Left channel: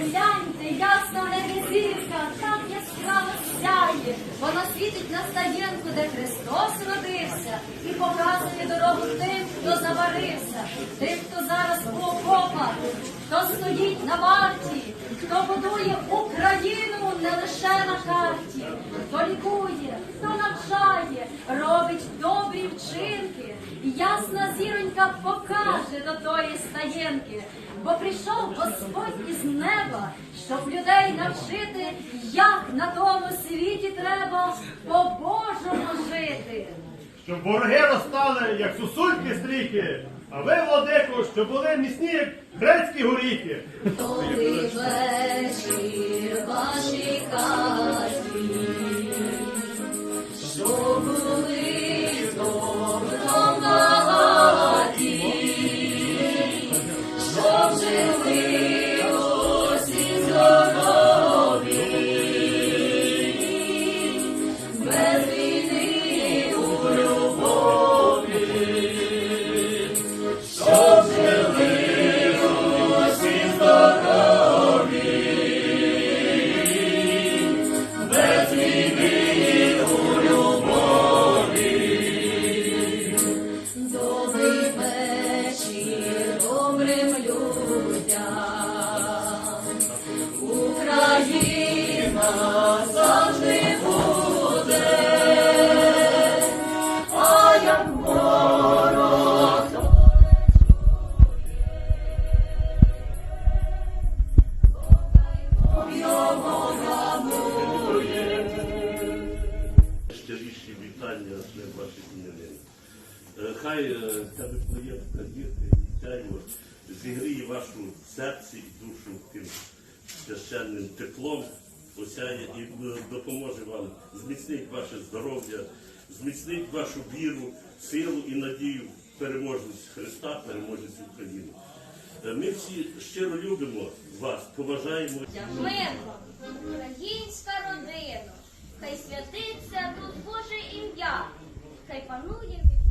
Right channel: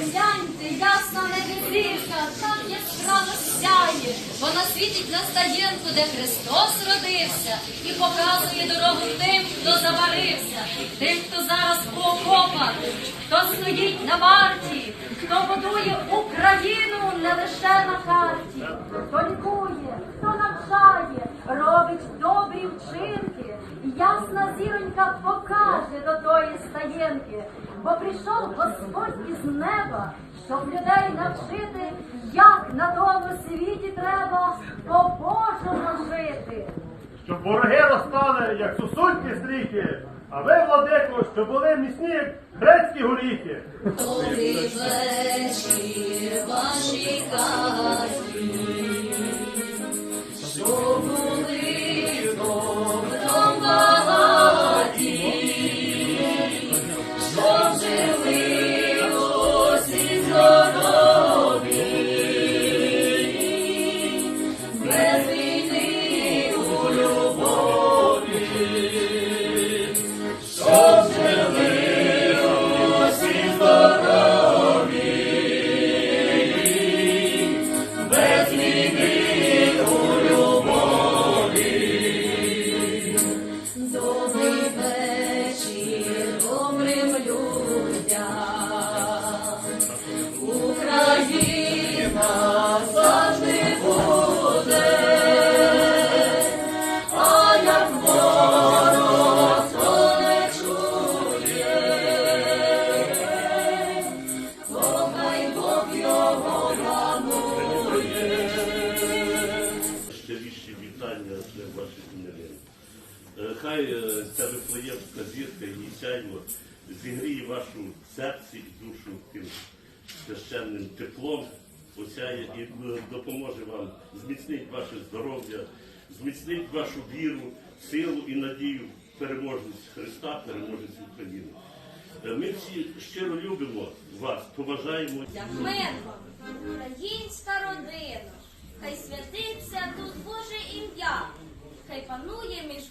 Гляньте, ясна небізірка, так яскраво сяє. Вона світить на стаєнку, де Христос родився, і показує дорогу тим, хто заварився, тим, хто зараз у окопах, хто стоїть на варті, хто будує Україну не лише на карті, хто лікує, хто навчає, робить добрі вчинки. Ясна зіронька покаже до тої стаєнки, бо прийшов Господь із неба, щоб людей навчити, як на тому світі треба по-божому жити. Щоб вороги розстали, як сусульки стрійки, а ви, владико, щоб були міцні, як грецькі горіхи. Добрий вечір вашій що жили усі здорові, без Хай е, ця вифлеємська зірка і сяйво зігріє вашу серці і душу тим священним теплом, осяє і е, допоможе вам зміцнить ваше здоров'я, зміцнить вашу віру, силу і надію в переможність Христа, переможність України. Е, Ми всі щиро любимо вас, поважаємо. Мир вам, українська родина, хай святиться тут Боже ім'я, хай панує між